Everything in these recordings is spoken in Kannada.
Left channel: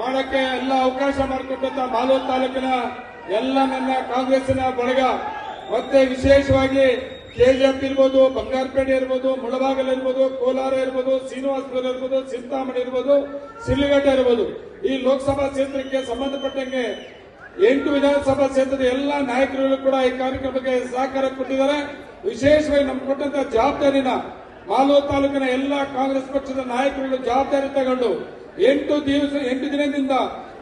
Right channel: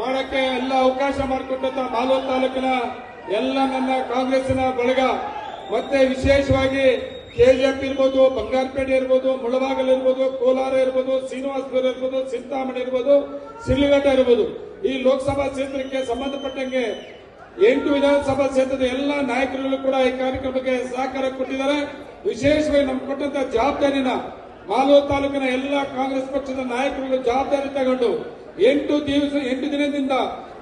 ಮಾಡಕ್ಕೆ ಎಲ್ಲ ಅವಕಾಶ ಮಾಡಿಕೊಟ್ಟಂತ ಮಾಲೂರು ತಾಲೂಕಿನ ಎಲ್ಲ ನನ್ನ ಕಾಂಗ್ರೆಸ್ನ ಬಳಗ. ಮತ್ತೆ ವಿಶೇಷವಾಗಿ ಕೆಜಿಎಫ್ ಇರ್ಬೋದು, ಬಂಗಾರಪೇಟೆ ಇರ್ಬೋದು, ಮುಳಬಾಗಲ್ ಇರ್ಬೋದು, ಕೋಲಾರ ಇರ್ಬೋದು, ಶ್ರೀನಿವಾಸಪುರ ಇರ್ಬೋದು ಚಿಂತಾಮಣಿ ಇರ್ಬೋದು ಸಿಳ್ಳಿಘಟ್ಟ ಇರ್ಬೋದು. ಈ ಲೋಕಸಭಾ ಕ್ಷೇತ್ರಕ್ಕೆ ಸಂಬಂಧಪಟ್ಟಂಗೆ ಎಂಟು ವಿಧಾನಸಭಾ ಕ್ಷೇತ್ರದ ಎಲ್ಲ ನಾಯಕರುಗಳು ಕೂಡ ಈ ಕಾರ್ಯಕ್ರಮಕ್ಕೆ ಸಹಕಾರ ಕೊಟ್ಟಿದ್ದಾರೆ. ವಿಶೇಷವಾಗಿ ನಮ್ಗೆ ಕೊಟ್ಟಂತ ಜವಾಬ್ದಾರಿನ ಮಾಲೂರು ತಾಲೂಕಿನ ಎಲ್ಲ ಕಾಂಗ್ರೆಸ್ ಪಕ್ಷದ ನಾಯಕರುಗಳು ಜವಾಬ್ದಾರಿ ತಗೊಂಡು ಎಂಟು ದಿವಸ ಎಂಟು ದಿನದಿಂದ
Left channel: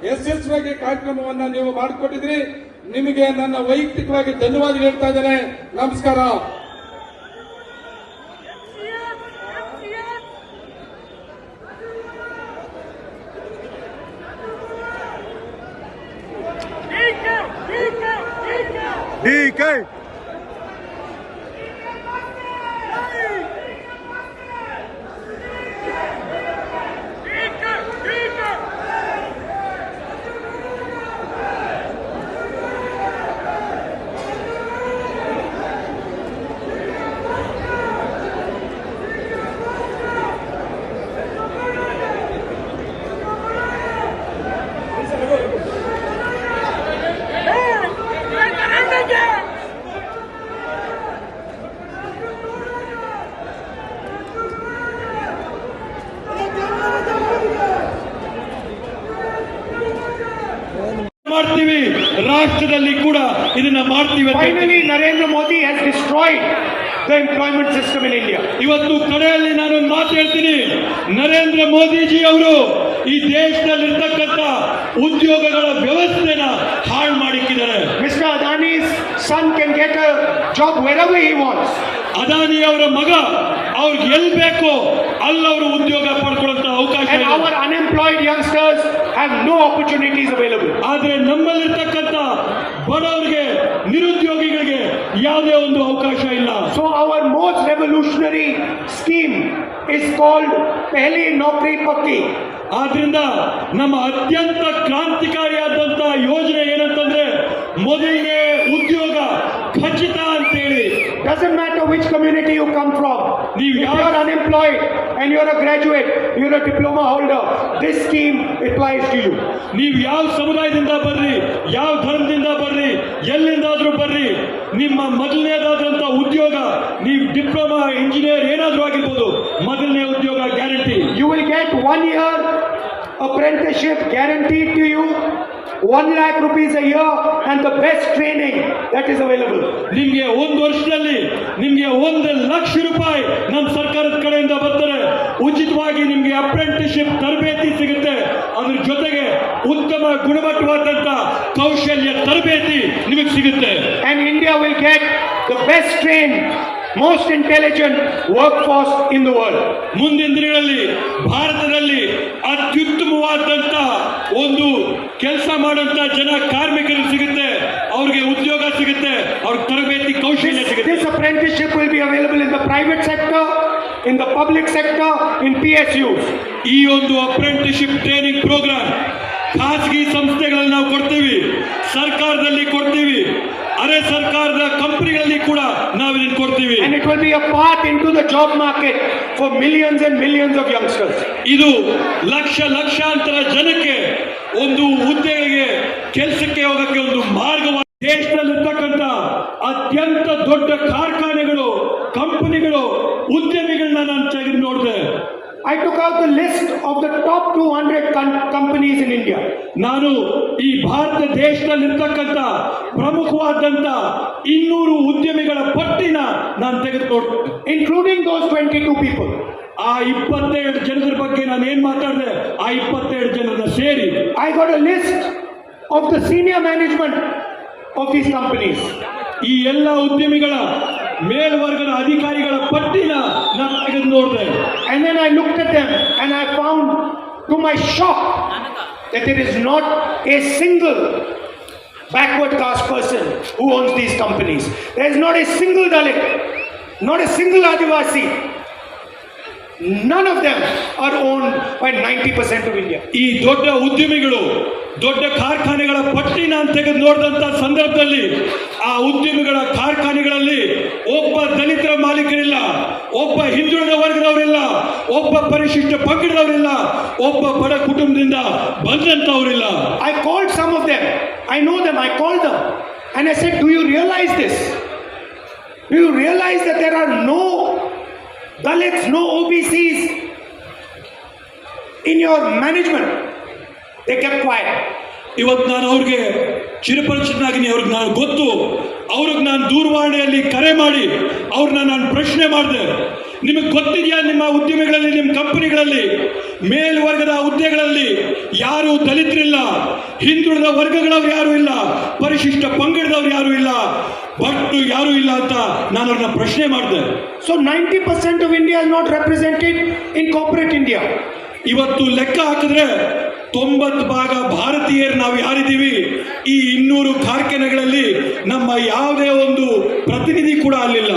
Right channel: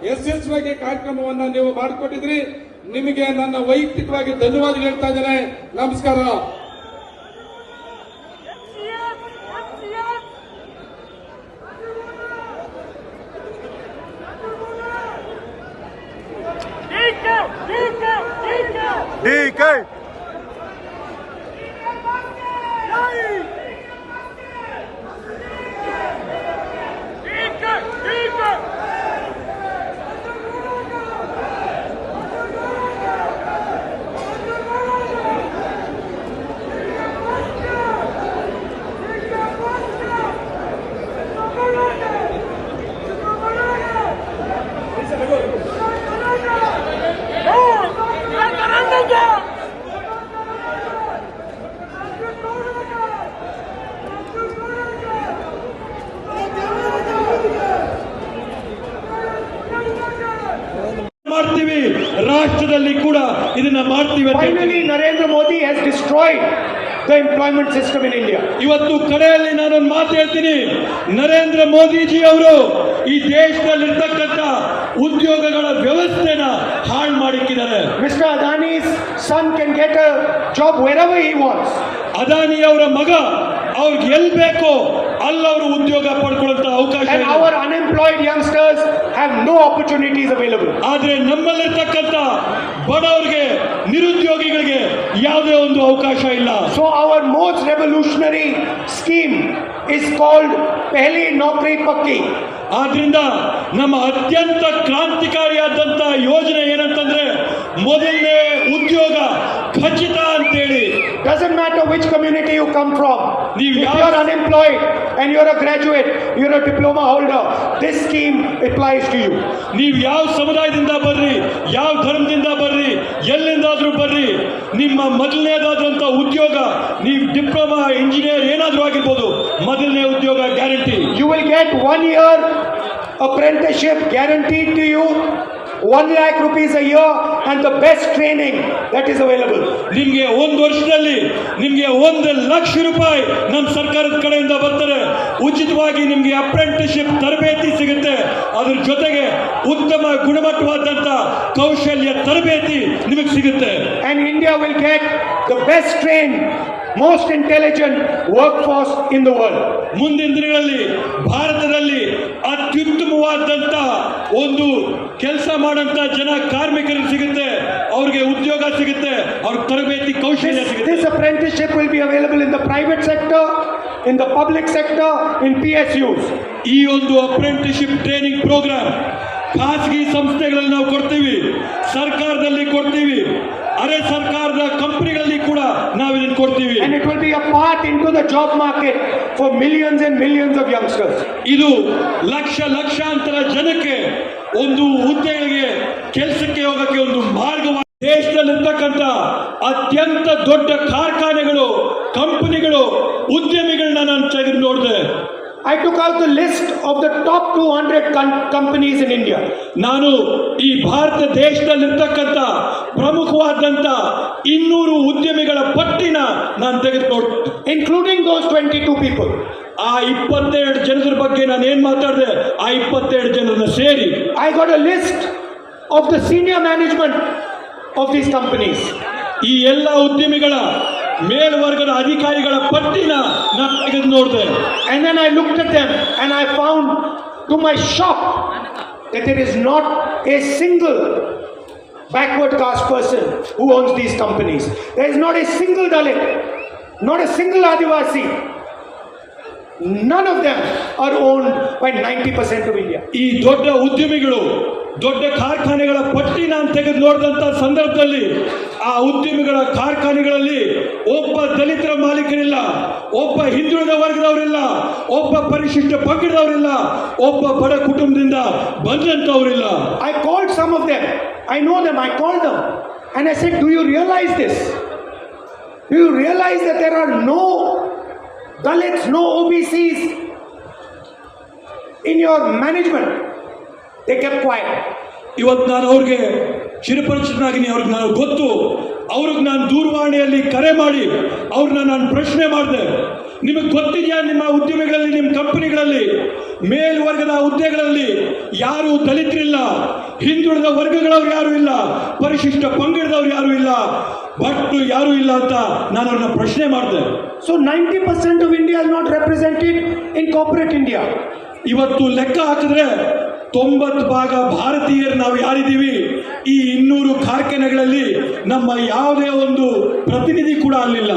ಯಶಸ್ವಿಯಾಗಿ ಕಾರ್ಯಕ್ರಮವನ್ನ ನೀವು ಮಾಡಿಕೊಟ್ಟಿದ್ರಿ ನಿಮಗೆ ನನ್ನ ವೈಯಕ್ತಿಕವಾಗಿ ಧನ್ಯವಾದ ಹೇಳ್ತಾ ಇದ್ದೇನೆ. ನಮಸ್ಕಾರ. ಡಿಕೆ ಮಾಡ್ತೀವಿ. Finally, Narendra Modi has destroyed the employment system in India. ಇವತ್ತು ಕಡೆಯಲ್ಲಿ ನಾನು ಮಾತು ಹೇಳ್ತೀನಿ ನರೇಂದ್ರ ಮೋದಿಜಿ ಅವರು ಈ ದೇಶದಲ್ಲಿರ್ತಕ್ಕಂಥ ಉದ್ಯೋಗಗಳ ವ್ಯವಸ್ಥೆನ ಹಾಳು ಮಾಡಿಕ್ಕಿದ್ದಾರೆ Mr. Adani's son can get a job wherever he wants. Adani ಅವರ ಮಗ ಅವ್ರಿಗೆ ಎಲ್ ಬೇಕೋ ಅಲ್ಲಿ ಅವರು ಉದ್ಯೋಗ ಪಡ್ಕೊಳ್ಳುವಂತ ಅವಕಾಶ And ಇದೆ our unemployed youngsters have no ಪಕ್ಕಿ ಆದ್ರಿಂದ ನಮ್ಮ ಅತ್ಯಂತ ಕ್ರಾಂತಿಕಾರಿಯಾದಂತಹ ಯೋಜನೆ ಏನಂತಂದ್ರೆ ಮೊದಲನೇ ಉದ್ಯೋಗ ಖಚಿತ ಅಂತ ಹೇಳಿ doesn't matter which community you come from ನೀವು unemployed and you are a graduate you are a diploma holder this scheme applies to you ನೀವು ಯಾವ ಸಮುದಾಯದಿಂದ ಬರ್ರಿ ಯಾವ ಧರ್ಮದಿಂದ ಬರ್ರಿ ಎಲ್ಲಿಂದಾದ್ರೂ ಬರ್ರಿ ನಿಮ್ಮ ಮೊದಲನೇದಾದಂತಹ ಉದ್ಯೋಗ ನೀವು diploma engineer apprenticeship guaranteed to you, one lakh rupees a year, and the best training that is available. Nimge ಒಂದು ವರ್ಷದಲ್ಲಿ ನಿಮ್ಗೆ ಒಂದು ಲಕ್ಷ ರೂಪಾಯಿ ನಮ್ಮ ಸರ್ಕಾರದ ಕಡೆಯಿಂದ ಬರ್ತಾರೆ ಉಚಿತವಾಗಿ ನಿಮ್ಗೆ ಅಪ್ರೆಂಟಿಸ್ಶಿಪ್ ತರಬೇತಿ ಸಿಗುತ್ತೆ ಅದ್ರ ಜೊತೆಗೆ ಉತ್ತಮ ಗುಣಮಟ್ಟವಾದಂತ kaushalya tarbeti ನಿಮಗೆ ಸಿಗುತ್ತೆ And India will get the best trained, most intelligent workforce in the world ಮುಂದಿನ ದಿನಗಳಲ್ಲಿ ಭಾರತದಲ್ಲಿ ಅತ್ಯುತ್ತಮವಾದಂತಹ ಒಂದು ಕೆಲಸ ಮಾಡುವಂತಹ ಜನ ಕಾರ್ಮಿಕರು ಸಿಗುತ್ತೆ ಅವ್ರಿಗೆ ಉದ್ಯೋಗ ಸಿಗುತ್ತೆ ಅವ್ರ ತರಬೇತಿ ಕೌಶಲ್ಯ ಸಿಗುತ್ತೆ. This apprenticeship will be available in the private sector in the public sector in P S U ಈ ಒಂದು ಅಪ್ರೆಂಟಿಸ್ಶಿಪ್ ಟ್ರೈನಿಂಗ್ ಪ್ರೋಗ್ರಾಮ್ ಖಾಸಗಿ ಸಂಸ್ಥೆಗಳಲ್ಲಿ ನಾವು into market for millions and millions of youngsters ಇದು ಲಕ್ಷ ಲಕ್ಷಾಂತರ ಜನಕ್ಕೆ ಒಂದು ಹುದ್ದೆಗಳಿಗೆ ಕೆಲಸಕ್ಕೆ ಹೋಗಕ್ಕೆ ಒಂದು ಮಾರ್ಗ ದೇಶದಲ್ಲಿರ್ತಕ್ಕಂಥ ಅತ್ಯಂತ ದೊಡ್ಡ ಕಾರ್ಖಾನೆಗಳು ಕಂಪನಿಗಳು ಉದ್ಯಮಿಗಳನ್ನ ನಾನು ತೆಗೆದು ನೋಡಿದೆ. I took out the list of the top 200 hundred companies in India ನಾನು ಈ ಭಾರತ ದೇಶದಲ್ಲಿರ್ತಕ್ಕಂಥ ಪ್ರಮುಖವಾದಂತ ಇನ್ನೂರು ಉದ್ಯಮ ನಾನು ತೆಗೆದು ನೋಡ್ including those 22 people. ಆ ಇಪ್ಪತ್ತೆರಡು ಜನರ ಬಗ್ಗೆ ನಾನು ಏನ್ ಮಾತಾಡಿದೆ ಆ ಇಪ್ಪತ್ತೆರಡು ಜನರನ್ನ ಸೇರಿ I got a list of the senior management of these companies. ಈ ಎಲ್ಲ ಉದ್ಯಮಿಗಳ ಮೇಲ್ವರ್ಗದ ಅಧಿಕಾರಿಗಳ ಪಟ್ಟಿನ ನಾನು ತೆಗೆದು ನೋಡಿದೆ And then I looked at them and I found, to my shock, that there is not a single backward caste person who owns these companies. There is not a single Dalit, not a single Adivasi. None of them are owned by 90% of India. ಈ ದೊಡ್ಡ ಉದ್ಯಮಿಗಳು ದೊಡ್ಡ ಕಾರ್ಖಾನೆಗಳ ಪಟ್ಟಿ ನಾನು ತೆಗೆದು ನೋಡಿದಂತ ಸಂದರ್ಭದಲ್ಲಿ ಆ ಉದ್ಯಮಿಗಳ ಕಾರ್ಖಾನೆಗಳಲ್ಲಿ ಒಬ್ಬ ದಲಿತರ ಮಾಲೀಕರಿಲ್ಲ ಒಬ್ಬ ಹಿಂದುಳಿದ ವರ್ಗದವರಿಲ್ಲ ಒಬ್ಬ ಪರಿಶಿಷ್ಟ ಪಂಗಡದವರಿಲ್ಲ ಒಬ್ಬ ಬಡ ಕುಟುಂಬದಿಂದ ಬಂದಂತವರಿಲ್ಲ I called some of them. I know them. I called them. And I said, Do you realize this? Do you realize that there are no Dalits, no OBCs in your management? They kept quiet. ಇವತ್ತು ನಾನು ಅವ್ರಿಗೆ ಚಿರಪರಿಚಿತನಾಗಿನಿ ಅವ್ರಿಗೆ ನಾನು ಗೊತ್ತು ಅವ್ರಿಗೆ ನಾನು ದೂರವಾಣಿಯಲ್ಲಿ ಕರೆ ಮಾಡಿ ಅವ್ರನ್ನ ನಾನು ಪ್ರಶ್ನೆ ಮಾಡಿದೆ ನಿಮಗೆ ಗೊತ್ತಿದೆಯಾ ನಿಮ್ಮ ಉದ್ಯಮಿಗಳಲ್ಲಿ ನಿಮ್ಮ ವರ್ಗಗಳವ್ರು ಯಾರು ಇಲ್ಲ ಪರಿಶಿಷ್ಟ ಪಂಗಡದವ್ರು ಯಾರು ಇಲ್ಲ ಬಟ್ ಯಾರು ಇಲ್ಲ ಅಂತ ನಾನು ಅವ್ರನ್ನ ಪ್ರಶ್ನೆ ಮಾಡಿದೆ. So ninety percent of India is not represented in corporate India ಇವತ್ತು ಲೆಕ್ಕ ಹಾಕಿದ್ರೆ ತೊಂಬತ್ತು ಭಾಗ ಭಾರತೀಯರು ನಾವು ಯಾರಿದ್ದೀವಿ? ಈ ಇನ್ನೂರು ಕಾರ್ಖಾನೆಗಳಲ್ಲಿ ನಮ್ಮ ಯಾವುದೇ ಒಂದು ಪ್ರತಿನಿಧಿ ಕೂಡ ಅಲ್ಲಿಲ್ಲ.